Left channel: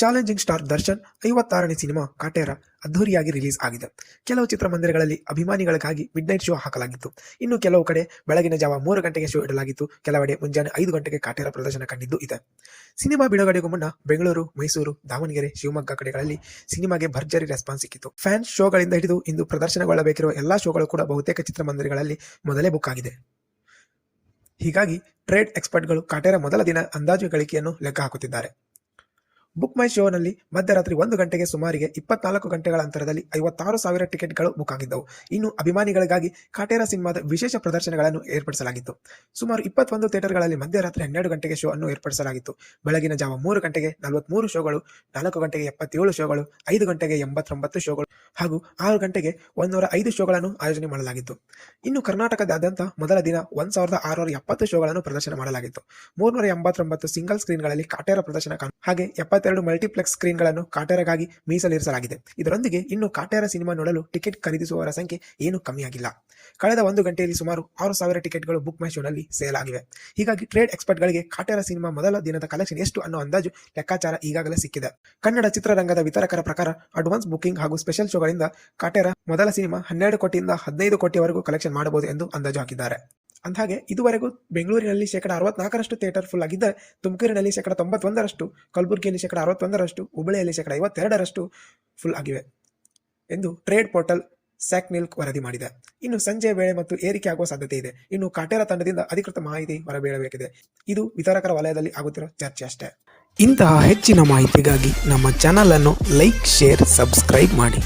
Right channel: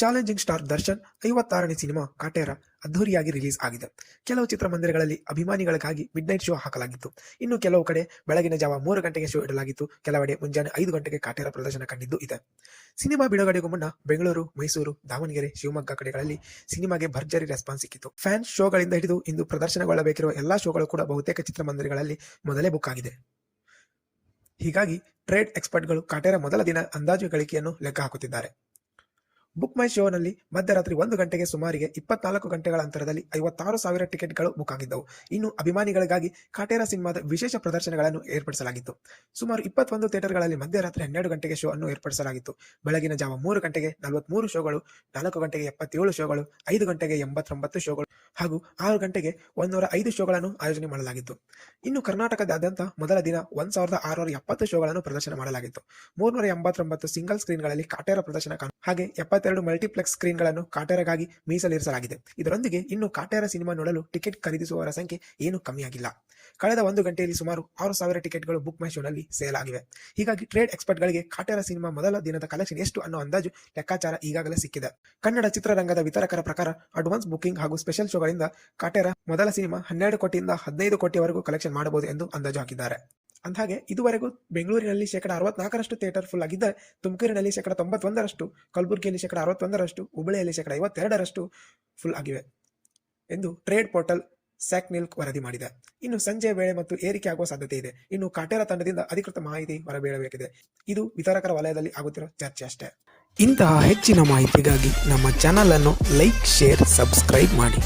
Challenging star Darshan 56ನೇ cinema Kaatera ಅದ್ಧೂರಿಯಾಗಿ release ಆಗಿದೆ. ಕೆಲವು ಚಿತ್ರಮಂದಿರಗಳಲ್ಲಿ ಅಭಿಮಾನಿಗಳಿಗಾಗಿ ಮಿಡ್ನೈಟ್ ಶೋ ಹಾಕಲಾಗಿತ್ತು. ಇನ್ನು ಕೆಲವು ಕಡೆ ಬೆಳಗಿನ ಜಾವ 3 ಗಂಟೆಗೆ ಶೋ ಇಡಲಾಗಿತ್ತು. ಕೆಲವೆಡೆ ಮುಂಜಾನೆ 5 ಗಂಟೆಗೆ ಕಾಟೇರ ಪ್ರದರ್ಶನ ಕಂಡಿದ್ದು ಇದೆ. ಸಿನಿಮಾ ಬಿಡುಗಡೆಗೂ ಮುನ್ನ ಬೆಂಗಳೂರು, ಮೈಸೂರು, ದಾವಣಗೆರೆ, ಶಿವಮೊಗ್ಗ ಕಡೆಗಳಲ್ಲಿ ಸಿನಿಮಾಗೆ ಭರ್ಜರಿ ರೆಸ್ಪಾನ್ಸ್ ಸಿಕ್ಕಿತ್ತು. ಫ್ಯಾನ್ಸ್ ಶೋಗಳಿಂದ ಹಿಡಿದು ಇಂದು ಪ್ರದರ್ಶನಗೊಳ್ಳಬೇಕಿರುವ ಎಲ್ಲಾ ಶೋಗಳು ಕೂಡ ಬಹುತೇಕ ಚಿತ್ರಮಂದಿರಗಳಲ್ಲಿ ಮೊದಲೇ ಬುಕ್ ಆಗಿದೆ. ಹೀಗಾಗಿ ಟ್ರೇಡ್ ಎಕ್ಸ್ಪರ್ಟ್ಗಳು ಕಾಟೇರ ಮೊದಲ ದಿನ ಅಂದಾಜು ಗಳಿಕೆಯನ್ನು ಲೆಕ್ಕ ಹಾಕುತ್ತಿದ್ದಾರೆ. ಬುಕ್ ಮೈ ಶೋನಲ್ಲಿ ಮಧ್ಯರಾತ್ರಿ 1 ಗಂಟೆಗೆ ಸುಮಾರಿಗೆ 24 ಗಂಟೆಗಳ ಅಂತರದಲ್ಲಿ 56,000 ಟಿಕೆಟ್ಗಳು ಬುಕ್ ಆಗಿದ್ದವು. ಇನ್ನು ಅಭಿಮಾನಿಗಳಿಗಾಗಿ ಕಾಟೇರ ಸಿನಿಮಾದ ವಿಶೇಷ ಪ್ರದರ್ಶನಗಳನ್ನು ಏರ್ಪಡಿಸಲಾಗಿತ್ತು. ಸುಮಾರು 21 ಥಿಯೇಟರ್ಗಳಲ್ಲಿ ಮಧ್ಯರಾತ್ರಿ 12 ಗಂಟೆಗೆ ಶೋ ಅನ್ನು ಏರ್ಪಡಿಸಲಾಗಿತ್ತು. ಬೆಳಗಿನ ಜಾವ 3 ಗಂಟೆಗೆ 43 ಶೋಗಳು, 4 ಗಂಟೆಗೆ 77 ಶೋಗಳು, 5 ಗಂಟೆಗೆ 89 ಶೋಗಳು ಹಾಗೂ 6 ಗಂಟೆಗೆ 105 ಶೋಗಳನ್ನು ಆಯೋಜನೆ ಮಾಡಲಾಗಿತ್ತು. ಇನ್ನು ಕರ್ನಾಟಕದಾದ್ಯಂತ ಮೊದಲ ದಿನ 1670 ಶೋಗಳನ್ನು ಪ್ರದರ್ಶನ ಮಾಡಲಾಗಿತ್ತು. 389 ಸಿಂಗಲ್ ಸ್ಕ್ರೀನ್ಗಳಲ್ಲಿ ಕಾಟೇರ ಪ್ರದರ್ಶನ ಹಾಗೆ 72 ಮಲ್ಟಿಪ್ಲೆಕ್ಸ್ ಸ್ಕ್ರೀನ್ಗಳನ್ನು ಕಾಟೇರಗಾಗಿ ಮೀಸಲಿರಿಸಲಾಗಿದೆ. ಇದರೊಂದಿಗೆ ಇನ್ನು ಕಾಟೇರ ಸಿನಿಮಾ ನೋಡಲು ಟಿಕೆಟ್ ಖರೀದಿಸುವವರ ಸಂಖ್ಯೆ ಏನೂ ಕಮ್ಮಿಯಾಗಿಲ್ಲ. ಕಳೆದ 1 ಗಂಟೆಯಲ್ಲಿ ಸುಮಾರು 6,000 ಟಿಕೆಟ್ಗಳು ಬುಕ್ ಮೈ ಶೋನಲ್ಲಿ ಸೇಲ್ ಆಗಿವೆ. ಹೀಗಾಗಿ ಟ್ರೇಡ್ ಎಕ್ಸ್ಪರ್ಟ್ಗಳಿಗೆ ಕಾಟೇರ ಸಿನಿಮಾ ಮೊದಲ ದಿನದ ಕಲೆಕ್ಷನ್ ಎಷ್ಟು ಅನ್ನೋ ಅಂದಾಜು ಲೆಕ್ಕಾಚಾರ ಈಗಾಗಲೇ ಸಿಕ್ಕಿದೆ. ಕನ್ನಡ ಚಿತ್ರರಂಗದ ವಿತರಕರ ಪ್ರಕಾರ ಅಡ್ವಾನ್ಸ್ ಬುಕಿಂಗ್ ಹಾಗೂ ಸ್ಪೆಷಲ್ ಶೋಗಳಿಂದ ಕಾಟೇರ ಮೊದಲ ಸಿನಿಮಾ 12 ಕೋಟಿಯಿಂದ 15 ಕೋಟಿವರೆಗೂ ಕಲೆಕ್ಷನ್ ಮಾಡಬಹುದು ಎಂದು ಅಂದಾಜು ಹಾಕಿದ್ದಾರೆ. ಅಂದಹಾಗೆ ಇದುವರೆಗೂ ಬೆಂಗಳೂರಿನಲ್ಲಿ 64% ಥಿಯೇಟರ್ ಫುಲ್ ಆಗಿದ್ದರೆ, ತುಮಕೂರಿನಲ್ಲಿ 91%, ಕಲಬುರಗಿಯಲ್ಲಿ 61%, ಹುಬ್ಬಳ್ಳಿಯಲ್ಲಿ 52% ಫುಲ್ ಆಗಿವೆ ಎಂದು ಟ್ರೇಡ್ ಪೋರ್ಟಲ್ ಸ್ಯಾಕ್ನಿಲ್ ವರದಿ ಮಾಡಿದೆ. ಇನ್ನು ಸಂಜೆ ವೇಳೆ ಮತ್ತು ಏರಿಕೆ ಆಗುವ ಸಾಧ್ಯತೆ ಇದೆ. ಇನ್ನು ಕಾಟೇರ ತಂಡದಿಂದ ಅಧಿಕೃತ ಮಾಹಿತಿ ಹೊರಬೀಳಬೇಕಿದೆ. ಇದು ವಿತರಕರ ವಲಯದಲ್ಲಿ ಆಗುತ್ತಿರೋ ಚರ್ಚೆ ಅಷ್ಟೇ. ಇಂತಹ ಹೆಚ್ಚಿನ ಮಾಹಿತಿಗಾಗಿ ನಮ್ಮ ಚಾನಲ್ ಅನ್ನು ಲೈಕ್, ಶೇರ್, ಸಬ್ಸ್ಕ್ರೈಬ್ ಮಾಡಿ.